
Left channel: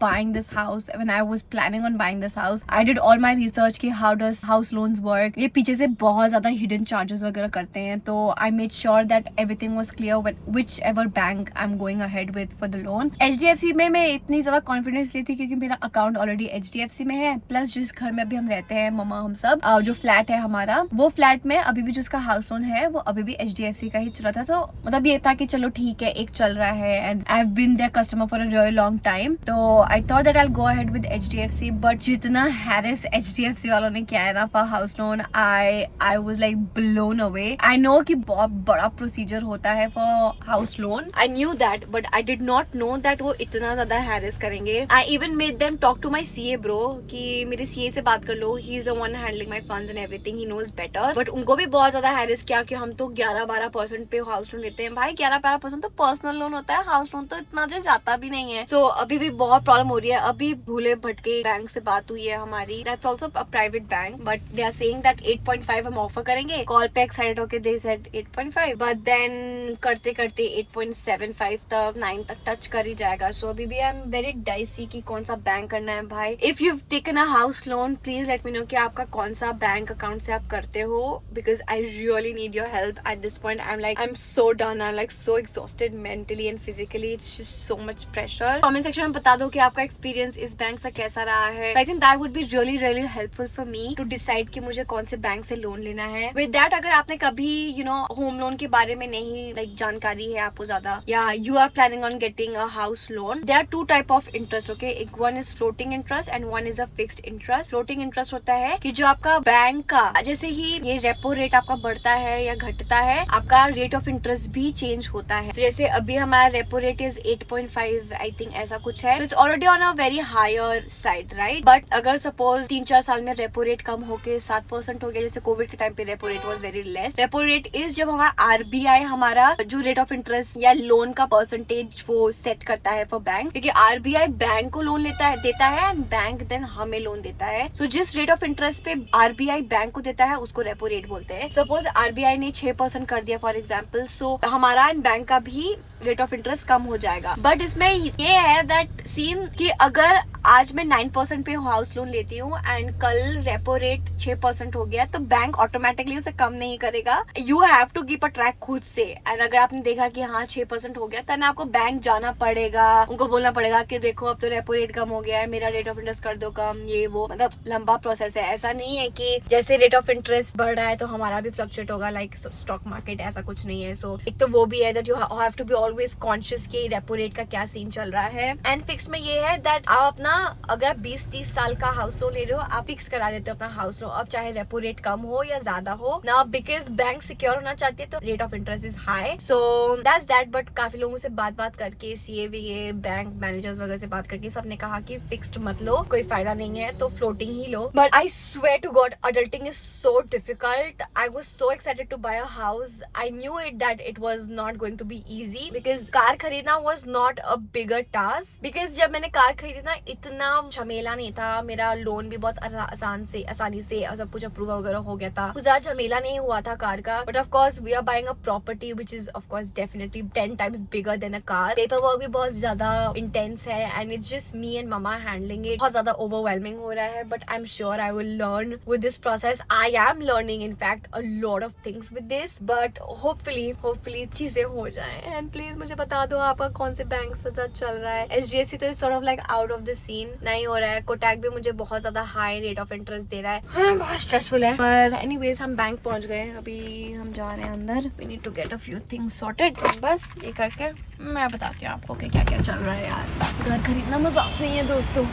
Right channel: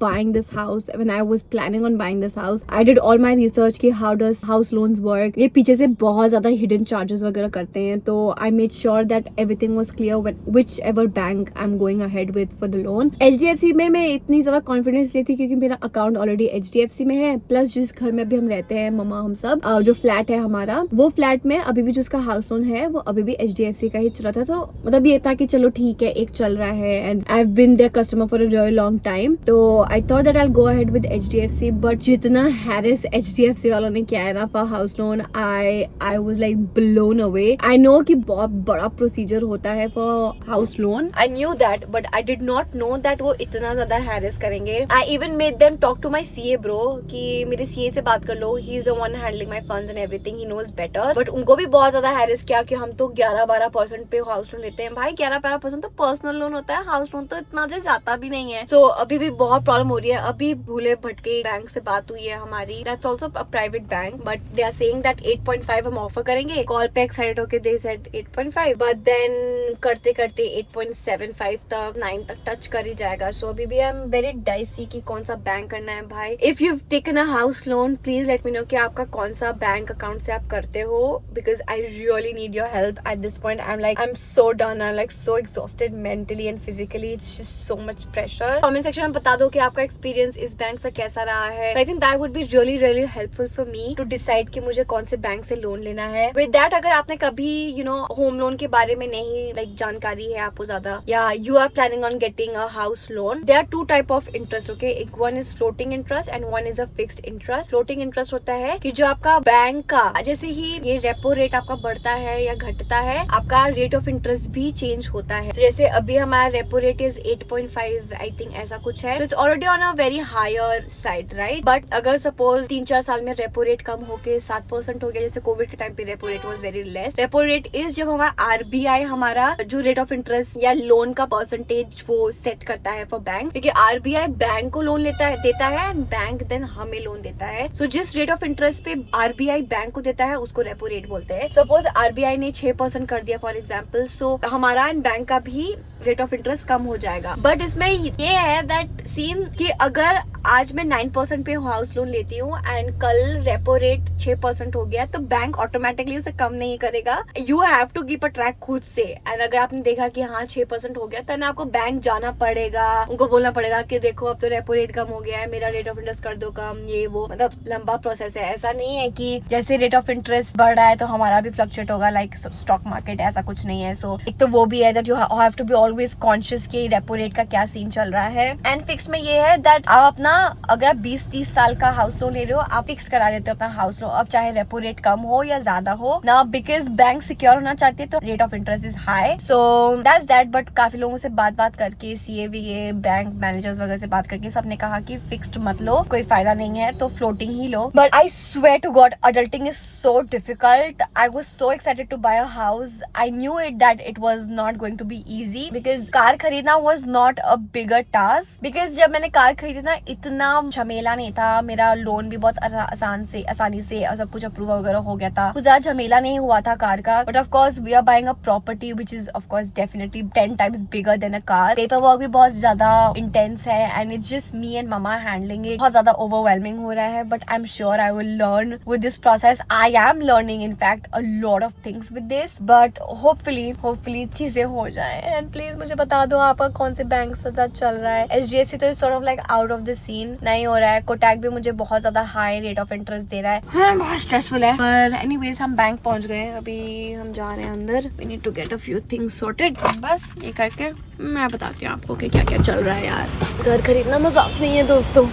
buying this house. When I was planning on buying this house, I did all my research कि how does house loans work. ये पीछे से बहुत ज़्यादा hidden charges वगैरह करते हैं तो I made sure that everything was clear when whichever bank I'm going ahead with for the loan. HDFC में मैं इतनी ज़्यादा confidence ली थी क्योंकि मेरा account already HDFC में है प्लस जिस घर में अभी हम रहते हैं मम्मा हम सब जो फ्लैट है हमारा वो फ्लैट में अभी भी जिसका हाउस लोन है वो अभी भी HDFC का ही चल रहा था. तो मतलब ये था कि चलो ठीक है एक चल रहा है and I have been their customer for a really long time. तो I thought that I will go ahead with HDFC but जितना हैरिस HDFC वालों ने किया है ना for house loan I was like blown away. I know कि बहुत बड़ा प्रोसीजर होता है for house loan. I knew that but I did not know that वो इतना ज्यादा हैरिस करेंगे. I even made them talk to my CA bro कि मेरे CA से बात कर लो. He is the one handling my funds and everything. He knows better. But उनको भी बहुत ज्यादा हैरिस किया कि हम तो 11-12% पे हाउस लोन लेते हैं. भाई 11-12% तो पर्सनल लोन होता है. हाउस लोन तो इतना जो जाता भी नहीं है. सो अभी भी बहुत प्रॉब्लम हो रही है. अभी भूले भटके बैंक से बात हुई है हमारी. That's also a private bank but they are saying that 8.5 हम ऑफर करेंगे. कॉल पे एक्साइटेड होके दे सेड 8.5 बट देन करते करते 8.75 तक 9 तक टच कर ही जाएगा. सो अभी भी आई एम वेरी डाइसी कि कौन सा बैंक करना है. भाई if you taken a house loan please let me know कि आपका कौन सा बैंक अकाउंट से आप करते हो because I really need your help at this point. I am so done. I am like so exhausted mentally and physically. It's just so much pressure. Comment section में बता दो कि आपका एक्सपीरियंस इस बैंक से कैसा रहा है. I think that would be really helpful for me to decide कि मुझे कौन से बैंक से लोन लेना है. विद दैट अगर आपने कभी होम लोन के बारे में नहीं लाइक जानकारी है आपको ज्यादा या you are planning on getting a house loan there are 2 type of interest. Okay एक one is floating interest and one is a fixed interest. Floating interest होता है कि जो आपका बैंक का जैसे ही ये रेपो रेट आपका बढ़ता है या घटता है आपका रेट ऑफ इंटरेस्ट भी चेंज होता है. so, जैसे अभी हमारा repo rate is 8.5 I think ऐसा कुछ है. It's already on a very higher side right. But अगर सपोज 3-4 साल में रेपो रेट कम होके 7% हो गया जैसे कोविड के टाइम पे repo rate was very less. Repo rate is जब हमारा RBI हमारा जो रेट ऑफ इंटरेस्ट या लोन का परसेंटेज वो सेट करता है फॉर बैंक क्योंकि RBI बैंक को लोन देता है एंड बैंक देन हमें लोन देता है. सो जिस रेट ऑफ इंटरेस्ट पे RBI बैंक को देता है उसको रेपो रेट बोलते हैं. सपोज RBI ने 6% कर दिया फॉर एग्जाम्पल. सो हमारा एंड बैंक का भी रेट ऑफ इंटरेस्ट कम हो जाएगा. बट इसमें ये है दैट सीन कि अगर आज मैं 9% पे हाउस लोन लेती हूँ एंड कल रेपो रेट 6% हो गया, तो बैंक ऑटोमेटिकली उसे कम नहीं करेगा. You have to keep a track खुद से. एंड अगर आपने देखा कि हाँ 6% हो गया, तो आपको बैंक जाना पड़ेगा, उनको बोलना पड़ेगा कि देखो अब तो रेपो रेट कम हो गया है, मेरा रेट ऑफ इंटरेस्ट कर दो कम, ये वो. मतलब लंबा प्रोसेस है. ऐसा नहीं है कि जैसे रेट ऑफ इंटरेस्ट बढ़ रहा है तो हमारा भी फ्लक्चुएट होगा लाइक स्टॉक मार्केट, ऐसा कुछ नहीं है. सो एक तो वो भी है that you have to be always conscious कि रेपो रेट का क्या सीन चल रहा है. एंड फिक्स में ये है दैट आप अपना, अगर आप 20-30 साल का हाउस लोन ले रहे हो, आप फिक्स करा देते हो अपना हाउस लोन, अब चाहे रेपो रेट कम हो या ज्यादा हो ना, बिकॉज बैंक सिक्योर होना चाहती है तो rate of interest is high. So that's that. But काफी लोगों से बात करके, CA बैंक मैनेजर्स वगैरह से बात करके सबने कहा कि फिक्स्ड मत लो, कोई फायदा नहीं है, तो फ्लोटिंग ही लो. But I swear to God, adulting is so difficult. I was so excited to buy a house. I knew that it was not going to be easy because car खरीदना was not a bigger task. Because जब मैंने car खरीदी ना, इतना झमेला नहीं था. मेरा लोन भी बहुत आसानी से सब कुछ अप्रूव वगैरह हो गया था. कुछ ज्यादा झमेला नहीं हुआ था कार का. But of course we are buying a property which is of course definitely 10 times bigger than a car. Paperwork भी बहुत ज्यादा intense है and it's just me and mama handling it. बहुत ज्यादा overwhelming हो रहा है. But I'm sure I will learn with this process. I am learning in fact a lot of things with this. But hopefully चीजें हो जाएं. And please मुझे बता दो आपका कौन से बैंक से साथ चल रहा है. SGSC तो sort of like out of the scene नहीं हो रहा है. कोटक भी मुझे बहुत ज्यादा हाई रेट ऑफ इंटरेस्ट दे रहा है. हाँ, बहुत स्ट्रेसफुल है. पर एनीवेज हम बैंक पहुंच गए. अभी हम जा रहे हैं अंदर. We need to get a few things sorted. बस ये करके मैं बताती हूँ आपको कि क्या क्या चल रहा है. यार घर खरीदना मजाक नहीं है दोस्तों.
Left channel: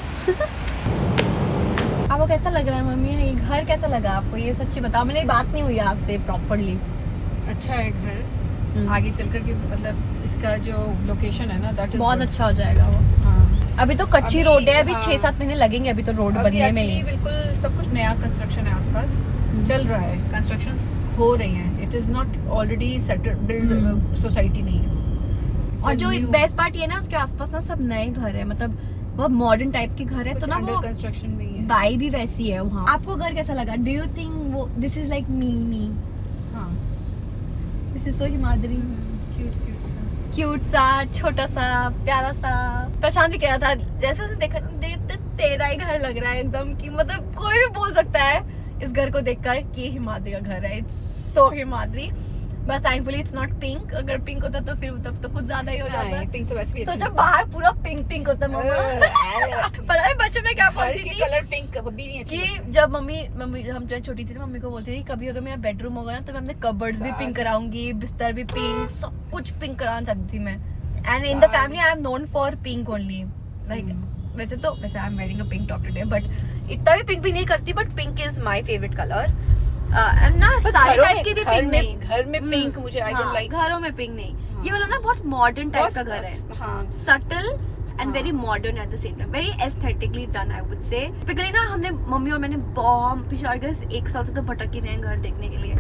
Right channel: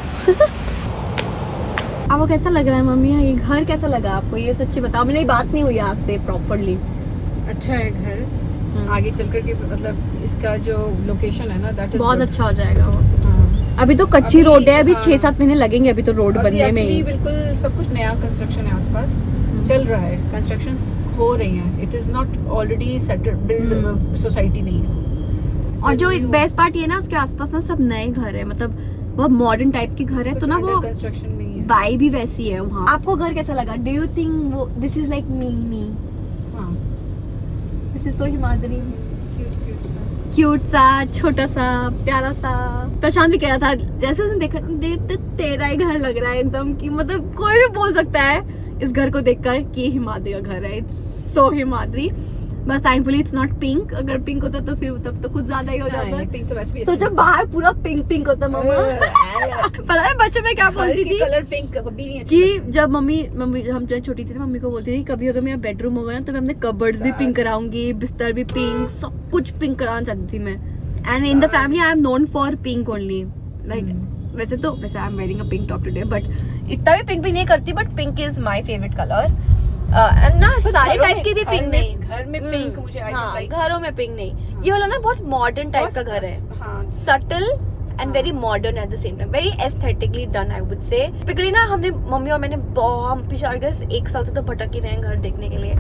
आपको कैसा लग रहा है मम्मी, ये घर कैसा लगा आपको? ये सच्ची बताओ, मेरी बात नहीं हुई आपसे प्रॉपर्ली. अच्छा है घर. आगे चल कर के मतलब इसका जो लोकेशन है ना, दैट इज बहुत अच्छा हो जाएगा वो. हाँ. अभी तो कच्ची रोड है, अभी हाँ. 6-7 महीने लगेंगे अभी तो रोड बनने में ही. बिल्कुल सब कुछ नया कंस्ट्रक्शन है आसपास चल रहा है. कंस्ट्रक्शंस हो रही हैं. It is not already settled build society नहीं है. और जो बेस्ट पार्ट ये ना, उसके आसपास ना सब नए घर है, मतलब वो मॉडर्न टाइप के घर है, तो ना वो कंस्ट्रक्शन में ही है. वाइब भी वैसी है वहाँ. आपको घर कैसा लगा? डू यू थिंक वो दिस इज लाइक मी? हाँ. This is so Himadri. Cute सा, छोटा सा, प्यारा सा. प्रशांत भी कह रहा था जैसे उसने देखा, तेरा ही घर लग रहा है एकदम, कि मतलब कोई भी बोल सकता है इस घर को देखकर कि ये हिमाद्री का घर है. It's so Himadri. बस थैंकफुली इट्स नॉट पिंक. अगर पिंक होता तो फिर तब तो कुछ ज्यादा ही हो जाता. पिंक तो वैसे भी तो जब बाहर पूरा पिंक होता मम्मा. पता है बच्चों में क्या बोलती थी? कलर पिंक भी नहीं कि जब मम्मी हम जब छोटी थी तो मम्मी को बोलती थी कभी अगर मेरा बेडरूम होगा ना तो मैं अपने कबर्ड्स भी पिंक कराऊंगी, बिस्तर भी पिंक, सब कुछ पिंक कराना चाहती थी मैं. And in the family I am known for pink only. Like वैसे I am wearing a pink top today, but इतना भी पिंक नहीं करती. But pink is my favourite colour. ना सारे टाइप के भी पिंक नहीं. घर में पिंक मुझे घरों में पिंक नहीं. ये वाला ना बहुत मॉडर्न टाइप का घर है. Subtle and very modern at the same time. Very aesthetically done I would से. टिपिकली ना हमने मम्मी और मैंने बहुत पिछले 1 साल से तो भटक ही रहे हैं घर देखने के लिए.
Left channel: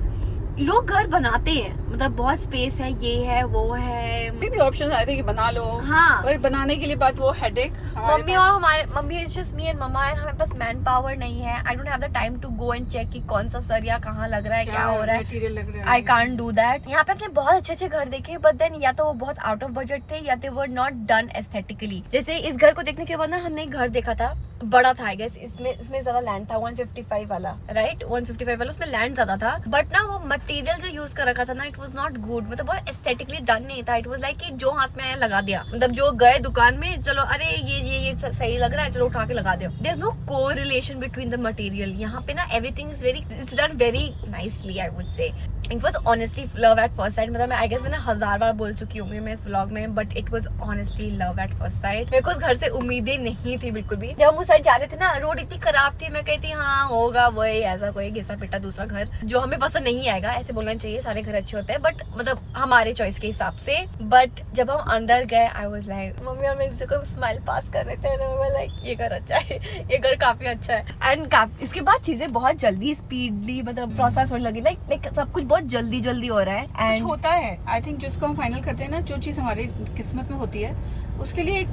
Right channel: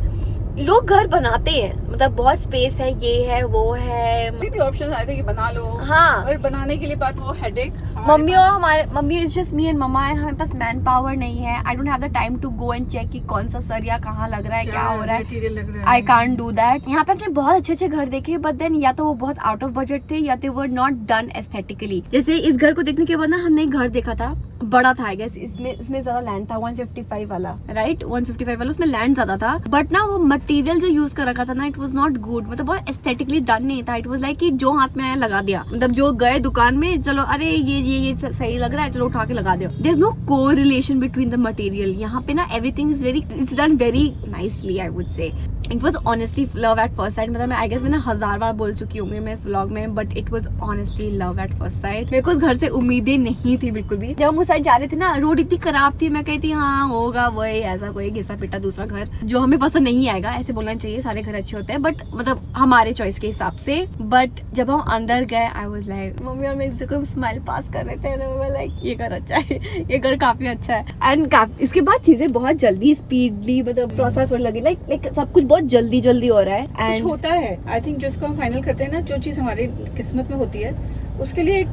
लोग घर बनाते हैं, मतलब बहुत स्पेस है, ये है वो है. भी ऑप्शन आए थे कि बना लो. हाँ. पर बनाने के लिए बात वो headache. Mummy is just me and mama, and हमारे पास मैन पावर नहीं है. I don't have the time to go and check कि कौन सा सरिया कहाँ लग रहा है, क्या हो रहा है. I can't do that. यहाँ पे हमने बहुत अच्छे घर देखे, बट देन या तो वो बहुत आउट ऑफ बजट थे या तो वो नॉट डन एस्थेटिकली. जैसे इस घर को देखने के बाद ना हमने एक घर देखा था, बड़ा था आई गेस. इसमें ज्यादा लैंड था. 155 वाला, राइट? 155 वाला, उसमें लैंड ज्यादा था. बट ना वो मटेरियल जो यूज कर रखा था ना, इट वाज नॉट गुड. मतलब बहुत एस्थेटिकली डन नहीं था. इट वाज लाइक कि जो हाथ में आया लगा दिया. मतलब जो गए दुकान में, चलो अरे ये सही लग रहा है, चलो उठा के लगा दो. There is no correlation between the material. यहाँ पे ना everything is it's done very nicely I would say. It was honestly love at first sight. मतलब आई गेस मैंने 1000 बार बोल चुकी होंगी मैं इस व्लॉग में, but it was honestly love at first site. मेरे को उस घर से उम्मीदें नहीं थी बिल्कुल भी. जब हम उस साइड जा रहे थे ना, रोड इतनी खराब थी, मैं कहती हाँ होगा वही ऐसा कोई घिसा पिटा दूसरा घर जो हमें पसंद नहीं आएगा. ऐसे बोलना चाहिए, सारे घर अच्छे होते हैं बट मतलब हमारे चॉइस के हिसाब से. बट जब हम अंदर गए, आई वॉज लाइक, मम्मी और मेरे को स्माइल पास कर रहे थे ना, लाइक ये घर अच्छा है, ये घर काफी अच्छा है. एंड इसके बाद चीजें बहुत जल्दी स्पीडली मतलब प्रोसेस होने लगी. लाइक सब कुछ बहुत जल्दी हो रहा है. कुछ होता है. आई थिंक जिसको हम फाइनल करते हैं ना, जो चीज हमारी किस्मत में होती है उसके लिए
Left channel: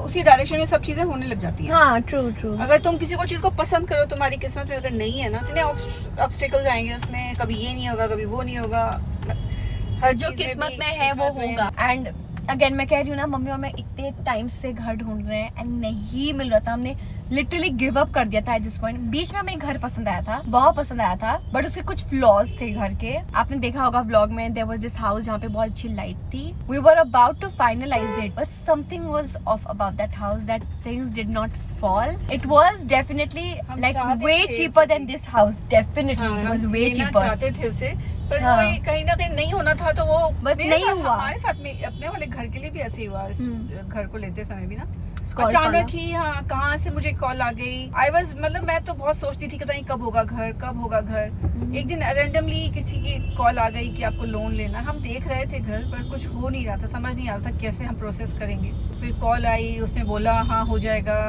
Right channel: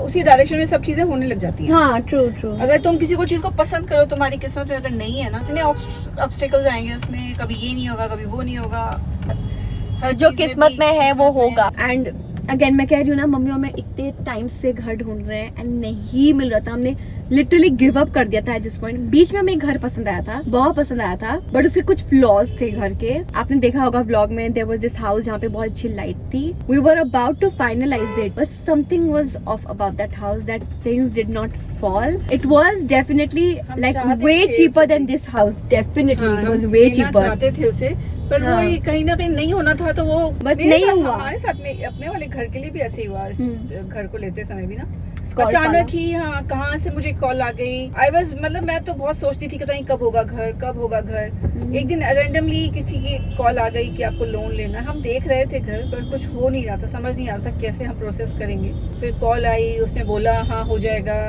उसी डायरेक्शन में सब चीजें होने लग जाती हैं. हाँ, ट्रू. अगर तुम किसी को चीज को पसंद करो, तुम्हारी किस्मत में अगर नहीं है ना, इतने ऑब्स्टिकल्स आएंगे उसमें. कभी ये नहीं होगा, कभी वो नहीं होगा. जो किस्मत में है वो होगा. एंड अगेन मैं कह रही हूँ ना, मम्मी और मैं इतने टाइम से घर ढूंढ रहे हैं एंड नहीं मिल रहा था। हमने लिटरली गिव अप कर दिया था एट दिस पॉइंट। बीच में हमें एक घर पसंद आया था, बहुत पसंद आया था, बट उसके कुछ फ्लॉज थे घर के। आपने देखा होगा व्लॉग में, देयर वाज दिस हाउस जहाँ पे बहुत अच्छी लाइट थी। We were about to finalise it, but something was off about that house, that things did not fall. It was definitely like way cheaper than this house. Definitely it was way cheaper. चाहते थे उसे, पर वो कहीं ना कहीं नहीं होना था, तो वो नहीं हुआ। हमारे साथ में अपने वाले घर के लिए भी ऐसे ही हुआ। इस घर को लेते समय भी ना Scott अचानक ही कहाँ से मुझे कॉल आ गई। आई वाज मतलब मैं तो बहुत सोचती थी कि पता नहीं कब होगा घर, कब होगा घर। एक दिन रैंडमली किसी की कॉल आ गई कि आपको लोन लेना है। हम देख रहे थे घर, पर कुछ हो नहीं रहा था, समझ नहीं आ रहा था कैसे हम प्रोसेस करेंगे। फिर कॉल आई, उसने बोला हाँ हो जाएगा।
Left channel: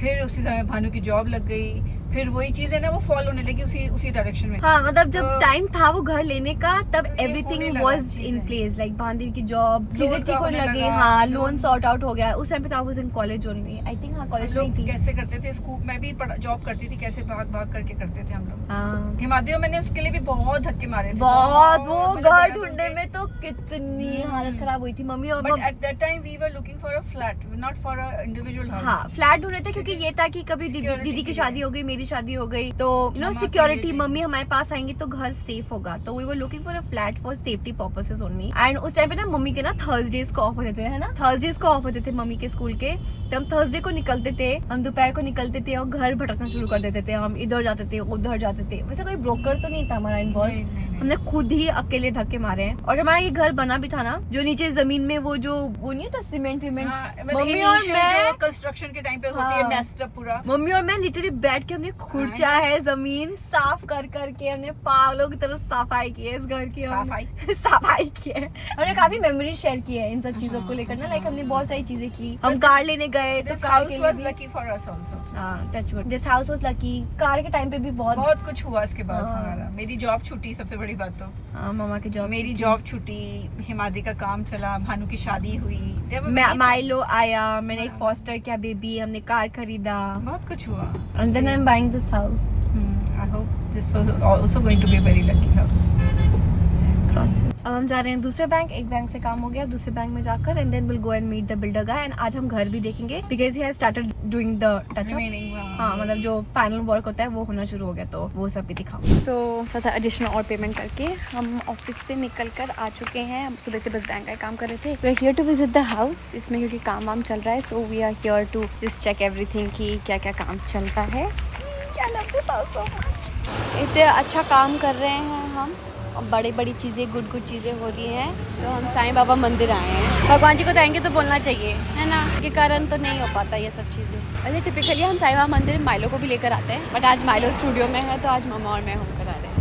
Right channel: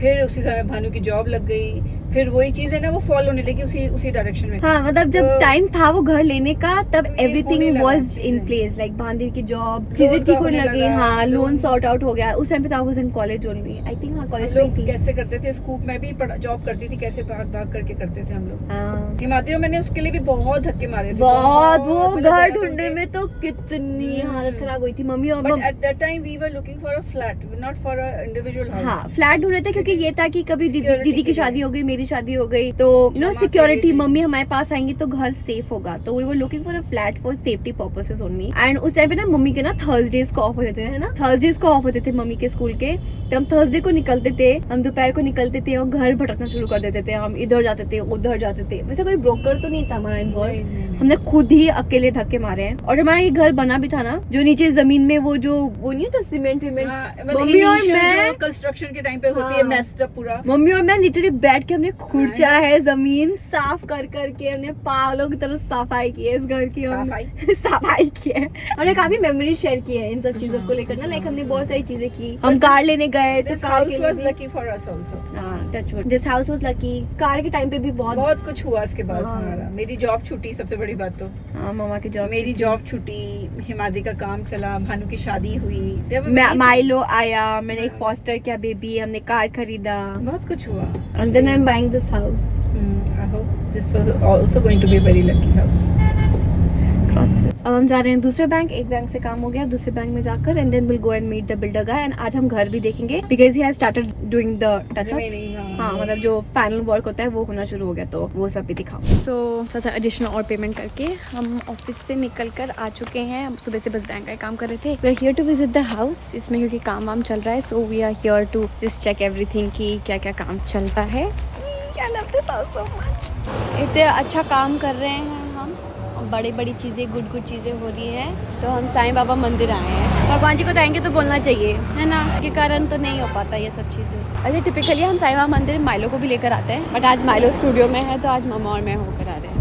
फिर उसी समय भानु की जॉब लग गई। फिर वही चीज है ना, वो फॉलो होने लगी उसी डायरेक्शन में। हाँ, मतलब जब टाइम था वो घर लेने का, तब तो ये एवरीथिंग होने लगा वाज चीजें। इन प्लेस, लाइक बांधीर की जॉब, चीजें लोन ठीक का होने होने लगी। लगा, हाँ, लोन लोन सॉर्ट आउट हो गया। उस टाइम पे था वो कॉलेज ओनली, आई थिंक। हाँ, कॉलेज में ही थी। कैसे करते थे स्कूप में भी जॉब करती थी, कैसे भाग भाग करके करते थे हम लोग। हाँ, हिमाद्री मैंने उसके लिए भी बहुत धक्के मारे थे। बहुत। वो मतलब घर जगह ढूंढने ढूंढ में तो कितनी हालत खराब हुई थी मम्मी और But at that time we were looking for a flat, not for a individual house. हाँ, फ्लैट ढूंढ रहे थे, क्योंकि ये था कि कभी Security दीदी की के लिए। शादी हो गई, मेरी शादी हो गई, तो यू नो माँ के सिक्योरिटी, लिए। मम्मी हमारे पास आएंगी तो घर सेफ होगा। तो we were looking for a flat for safety purposes only. And उस टाइम पे ना मम्मी के ना थर्सडेज को ऑफ होते थे, है ना, थर्सडेज को ऑफ होते थे मम्मी के स्कूल के। तो हम थर्सडे को निकलते थे, हम दोपहर को निकलते थे और घर भटकना शुरू कर देते थे। हम इधर जाते थे, उधर जाते थे। वैसे कोई ब्रोकर तो नहीं था हमारा इन्वॉल्व, नहीं। हमने खुद ही अकेले धक्के मारे हैं। और हमारा ये घर बना भी था ना, जो नीचे जमीन में वो नहीं होता सीमेंट विमेंट, मम्मी और मैं कंस्ट्रक्शन के टाइम पे होती हाँ। है मेस्ड अप पूरा। मम्मी और मैं लिटरली बैठ के हमने खुर्चा है, जमीन साफ कर करके हमने पागलों की तरह सफाई की है इस घर की। सफाई की है। हमने काफी मेमोरी शेयर की है इन सब चीजों को लेकर ना, लाइक हमने बहुत सारी चीजें की। हम कार लेने गए तो This कार house के was लिए भी, lucky for us also. हाँ, touch wood, this house was lucky. Car के टाइम पे भी बहुत कुछ हुआ इसके बाद हाँ। हमारा। मेरी जॉब छूटी, सबसे बड़ी बात तो हाँ, मामा की जॉब, मेरी जॉब छूटी, हिमाद्री का काम चला, भानु की शादी हुई, There were many माइलो आया, मैंने एक फॉस्टर किया बेबी, हमने कार खरीदा, things. बहुत कुछ हुआ। and then I'm buying this house. I hope this was also going to be a very lucky house. अब हम जा रहे हैं दूसरे बैंक। एक बैंक से काम हो गया, दूसरे बैंक में जाकर and then will go and meet the builder guy. And आज हम घर भी देखेंगे because he has started doing the touch up. हाँ, मतलब जो फाइनल वर्क होता है वो होना शुरू हो गया, तो वो सब भी दिखाओ। सो थोड़ा सा एडिशनल और पेमेंट करके हम ऑफिस से निकल कर आ चुके हैं। हम सुबह से बस बैंक का काम कर रहे थे। We are here to visit the house, इसमें क्योंकि काम वाम चल रहा है, so we are here to just check everything कि क्या क्या काम चल रहा है। I love this house so much. इतने अच्छा काम कर रहे हैं हम, बड़ी बड़ी चीज़ें, गुड चीज़ें हो रही हैं। तो हम साईं बाबा मंदिर आए हैं। भगवान जी को थैंक तो बोलना चाहिए, है ना, के कारण तो नहीं हो पाता ये सब चीज़ें। अच्छा, टिपिकली हम साईं बाबा मंदिर माइलो को भी लेकर आते हैं, बट आज माइलो स्टूडियो में है तो आज मम्मा और मैं होकर आ रहे हैं।